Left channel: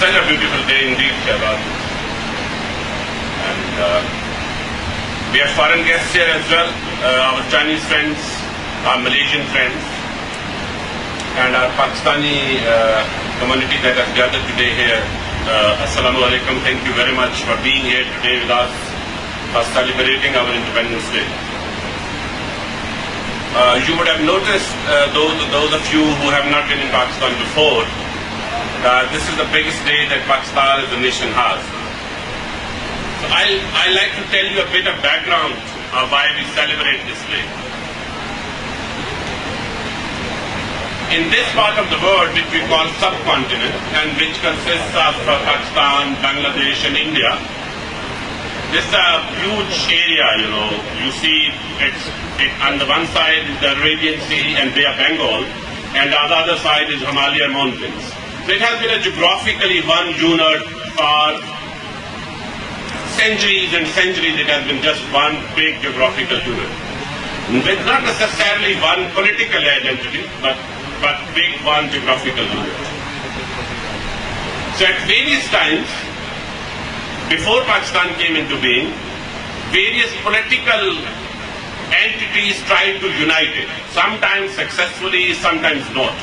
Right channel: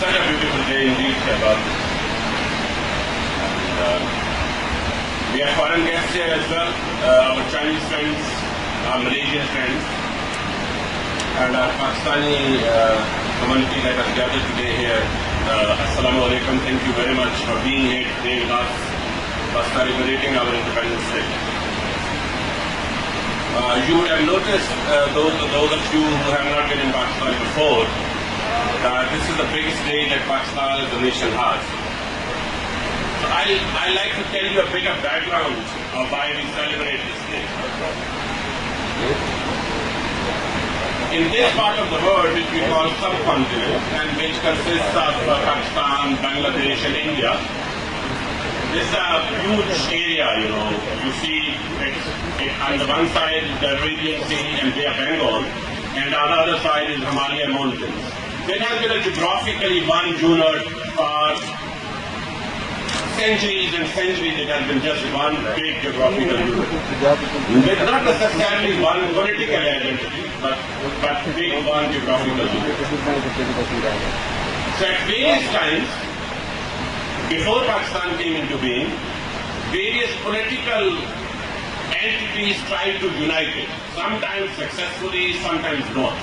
Such a beautiful day indeed, Shahbaz. And we have foreign guests here as well, our Chinese friends, our Malaysian friends, and our Pakistani community that has gathered today here. Assalamu alaikum. Thank you very much for being here today with us, for celebrating our Independence Day. You would have noticed, those of you who have not been in Pakistan before, that this is the biggest day that Pakistan as a nation has. So I like to tell you a bit of background of why we celebrate this day. In this part of the world, which we call subcontinent, and which consists of Pakistan, Bangladesh, and India, this is a huge area. You see, on the one side is the Arabian Sea and Bay of Bengal, and on the other side is Himalaya mountains. So it has been a geographically one unit for centuries and centuries. It has been just one big geographical unit, with not necessarily one political identity, but big one geographical unit. So at various times, before Pakistan came into being, various political entities tried to unite it, sometimes successfully, sometimes not.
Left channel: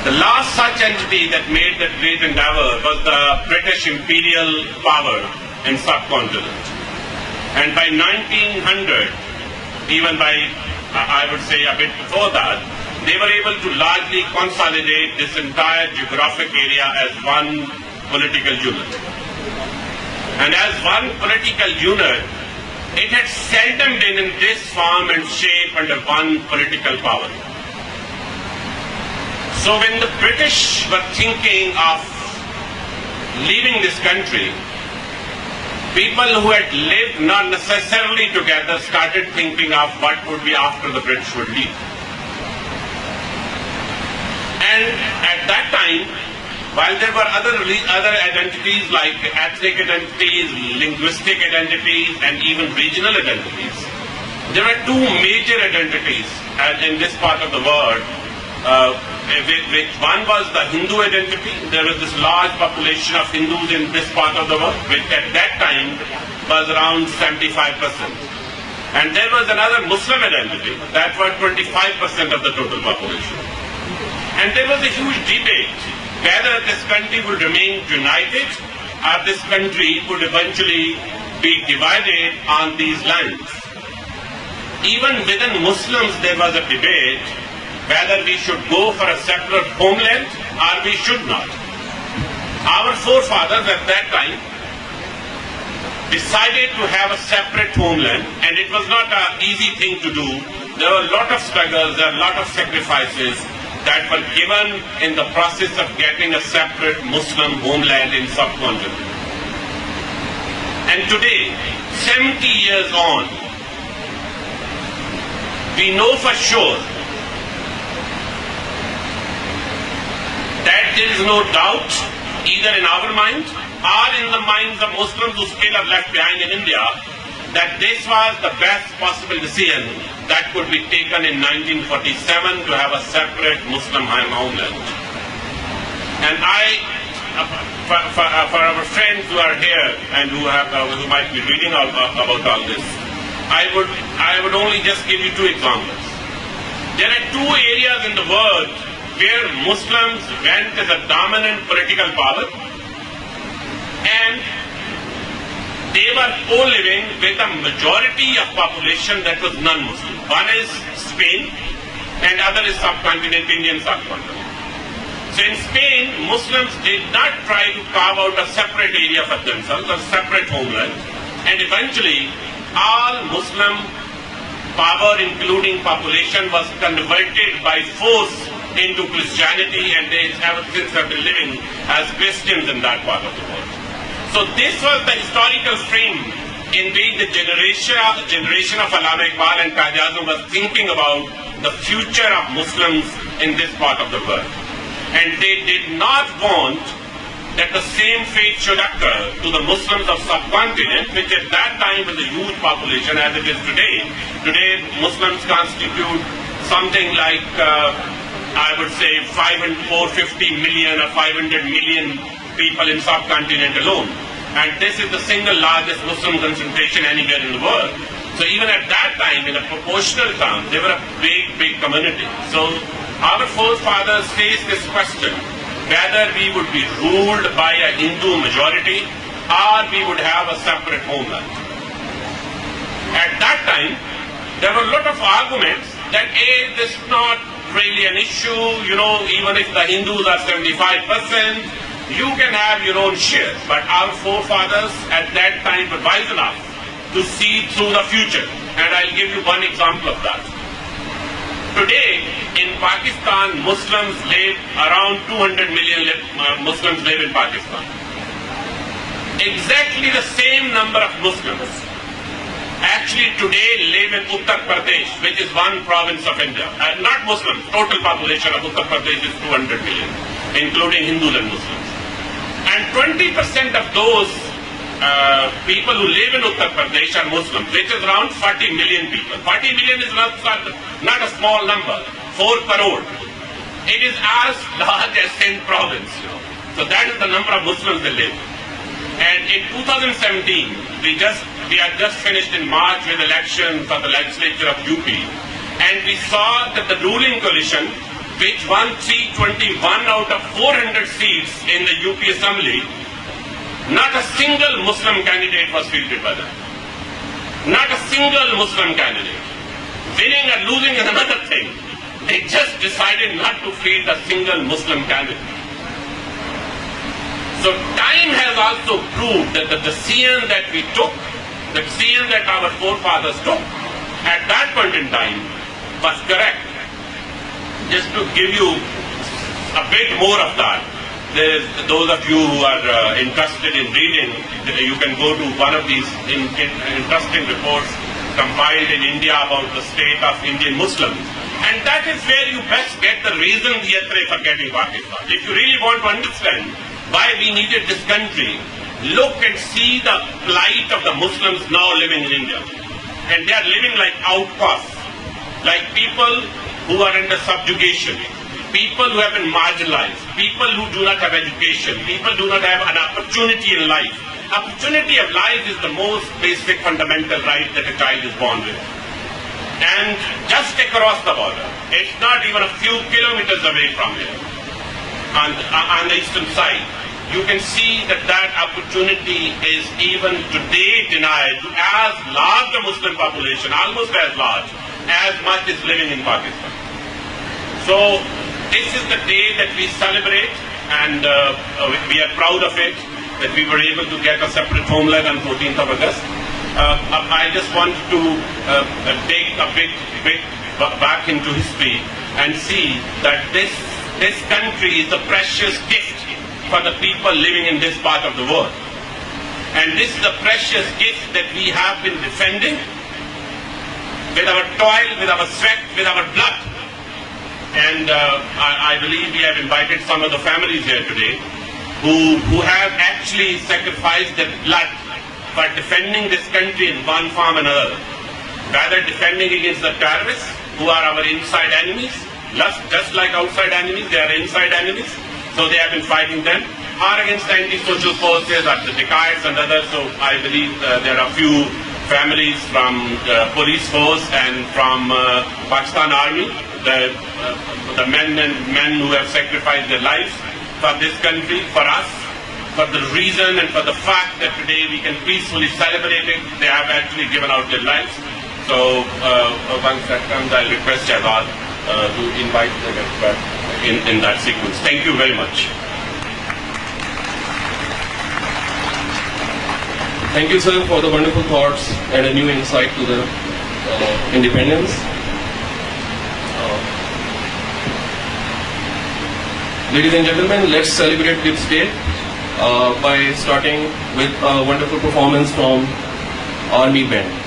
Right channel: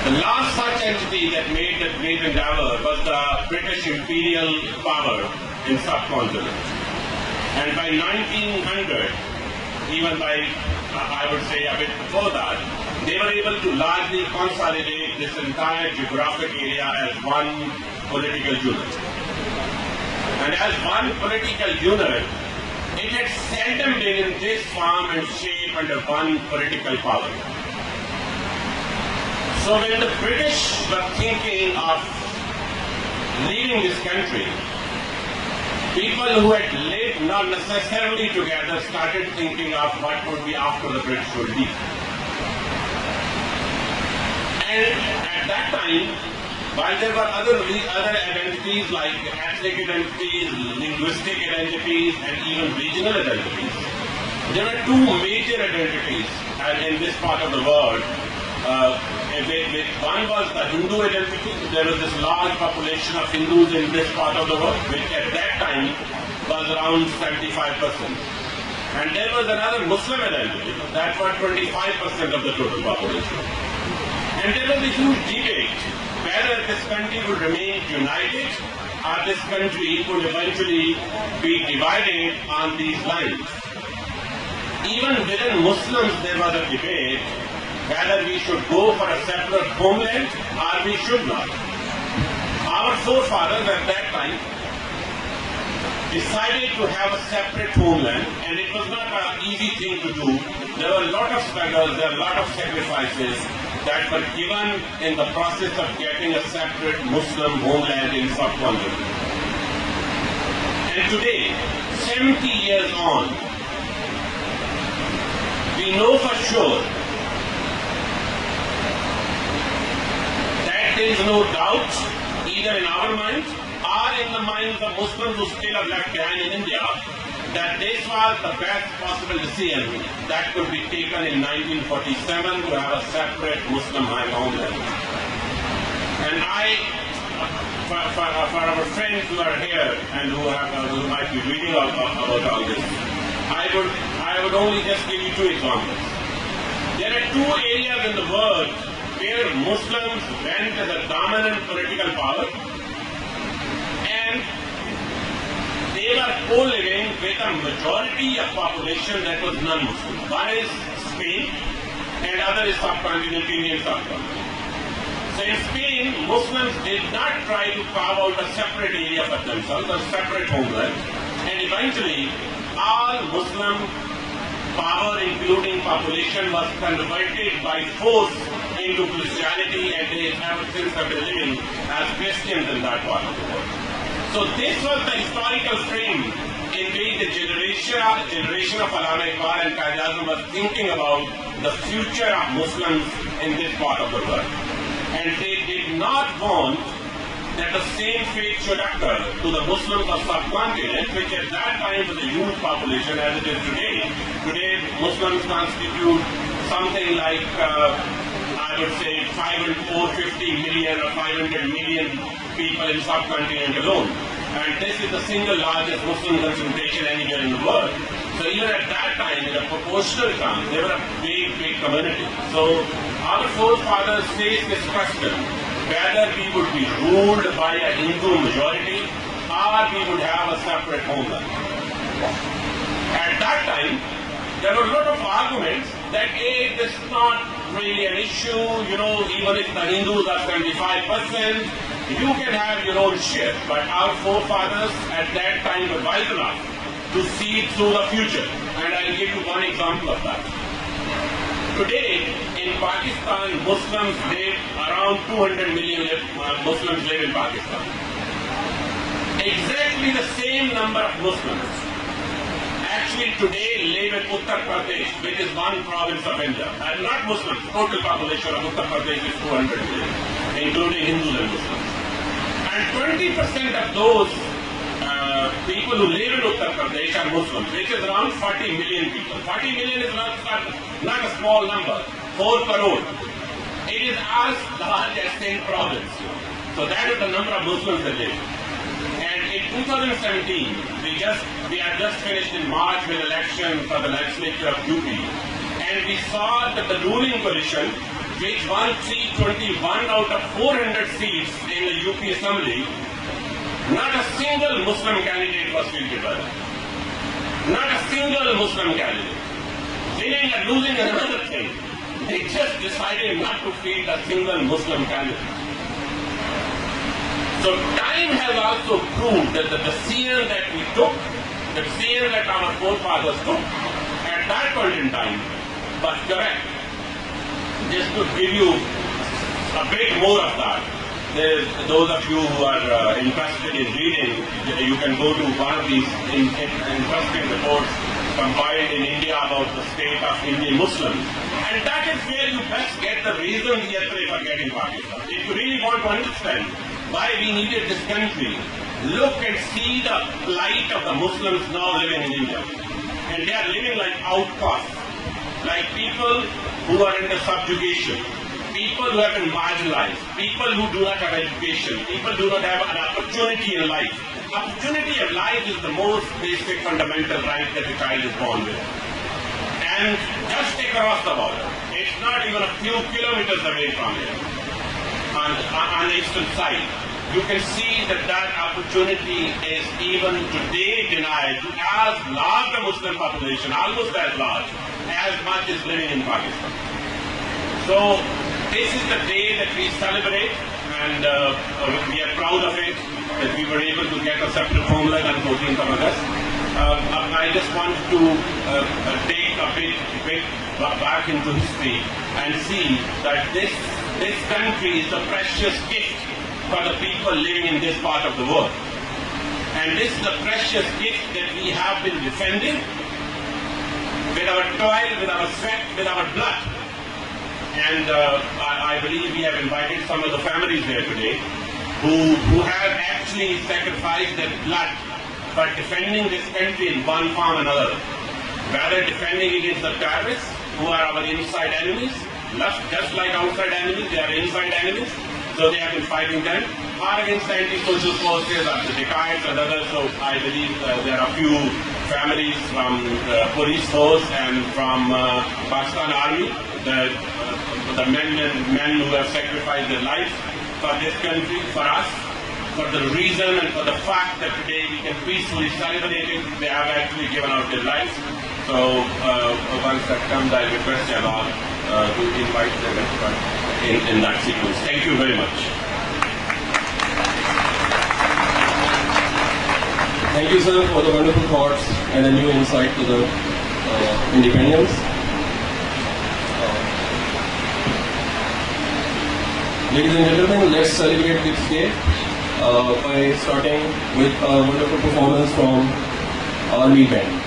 The last such entity that made that great endeavor was the British imperial power in subcontinent. And by 1900, even by, I would say a bit before that, they were able to largely consolidate this entire geographic area as one political unit. And as one political unit, it had seldom been in this form and shape under one political power. So when the British were thinking of leaving this country, people who had lived not necessarily together started thinking of what would be after the British would leave. And at that time, while there were other identities like ethnic identities, linguistic identities, and even regional identities, there were two major identities in this part of the world. One was the Hindu identity. There was this large population of Hindus in this part of the world, which at that time was around 75%. And there was another Muslim identity that was 25% of the total population. And there was a huge debate whether this country would remain united or this country would eventually be divided on these lines. Even within Muslims there was a debate whether we should go for a separate homeland or we should not. Our forefathers at that time decided to have a separate homeland, and it was not an easy thing to do. There were a lot of struggles, there were a lot of sacrifices that were given in the process of getting a separate Muslim homeland in subcontinent. And today, 70 years on, we know for sure that there is no doubt, either in our mind or in the minds of Muslims who still are left behind in India, that this was the best possible decision that could be taken in 1947 to have a separate Muslim homeland. And for our friends who are here and who might be reading about all this, I would only just give you two examples. There are two areas in the world where Muslims went as a dominant political power, and they were co-living with a majority of population that was non-Muslim. One is Spain and other is Indian subcontinent. So in Spain, Muslims did not try to carve out a separate area for themselves, a separate homeland, and eventually all Muslim power, including population, was converted by force into Christianity, and they ever since have been living as Christians in that part of the world. So this was the historical frame in which the generation of Allama Iqbal and Quaid-e-Azam was thinking about the future of Muslims in this part of the world. And they did not want that the same fate should occur to the Muslims of subcontinent, which at that time was a huge population as it is today. Today, Muslims constitute something like I would say 450 million or 500 million people in subcontinent alone. And this is the single largest Muslim concentration anywhere in the world. So even at that time, in a proportional term, they were a big, big community. So our forefathers faced this question, whether we would be ruled by a Hindu majority or we would have a separate homeland. At that time, there were a lot of arguments that this is not really an issue, even if the Hindus are 75%, you can have your own share. But our forefathers at that time were wise enough to see through the future. And I'll give you one example of that. Today, in Pakistan, Muslims live, around 200 million Muslims live in Pakistan. Exactly the same number of Muslims actually today live in Uttar Pradesh, which is one province of India. Not Muslims, total population of Uttar Pradesh is 200 million, including Hindus and Muslims. And 20% of those people who live in Uttar Pradesh are Muslims, which is around 40 million people. 40 million is not a small number, 4 crore. It is as large as Sindh province. So that is the number of Muslims that live. And in 2017, we had just finished in March with elections for the legislature of UP. And we saw that the ruling coalition, which won 321 out of 400 seats in the UP Assembly, not a single Muslim candidate was fielded by them. Not a single Muslim candidate. Winning or losing is another thing. They just decided not to field a single Muslim candidate. So time has also proved that the decision that we took, the decision that our forefathers took at that point in time was correct. Just to give you a bit more of that, those of you who are interested in reading, you can go to one of these interesting reports compiled in India about the state of Indian Muslims. And that is where you best get the reasons for getting Pakistan. If you really want to understand why we needed this country, look and see the plight of the Muslims now living in India. And they are living like outcasts, like people who are under subjugation, people who have been marginalized, people who do not have education, people who do not have an opportunity in life. Opportunity of life is the most basic fundamental right that a child is born with. And just across the border, it's not even a few kilometers away from here, on the eastern side, you can see that that opportunity is even today denied to as large a Muslim population, almost as large, as much is living in Pakistan. So this is the day that we celebrate, and we are proud of it, that we were able to get a separate homeland on 14th of August. I just want to take a bit back into history and see that this country is a precious gift for the people living in this part of the world. And this is a precious gift that we have been defending with our toil, with our sweat, with our blood. And I believe we have invited some of the families here today who have actually sacrificed their blood for defending this country in one form or another. Rather defending against the terrorists who are our inside enemies, just like outside enemies, they are inside enemies. So they have been fighting them, or against the anti-social forces, or the dacoits and others. So I believe there are a few families from police force and from Pakistan Army, the men who have sacrificed their lives for this country, for us, for the reason and for the fact that today we can peacefully celebrate it. They have actually given out their lives. So once that comes, I'll request Jawad to invite the expert in that sequence. Thank you very much. Thank you, sir, for the wonderful thoughts and a new insight to the independence. Ladies and gentlemen, let's celebrate this day by starting with a wonderful performance from Army Band.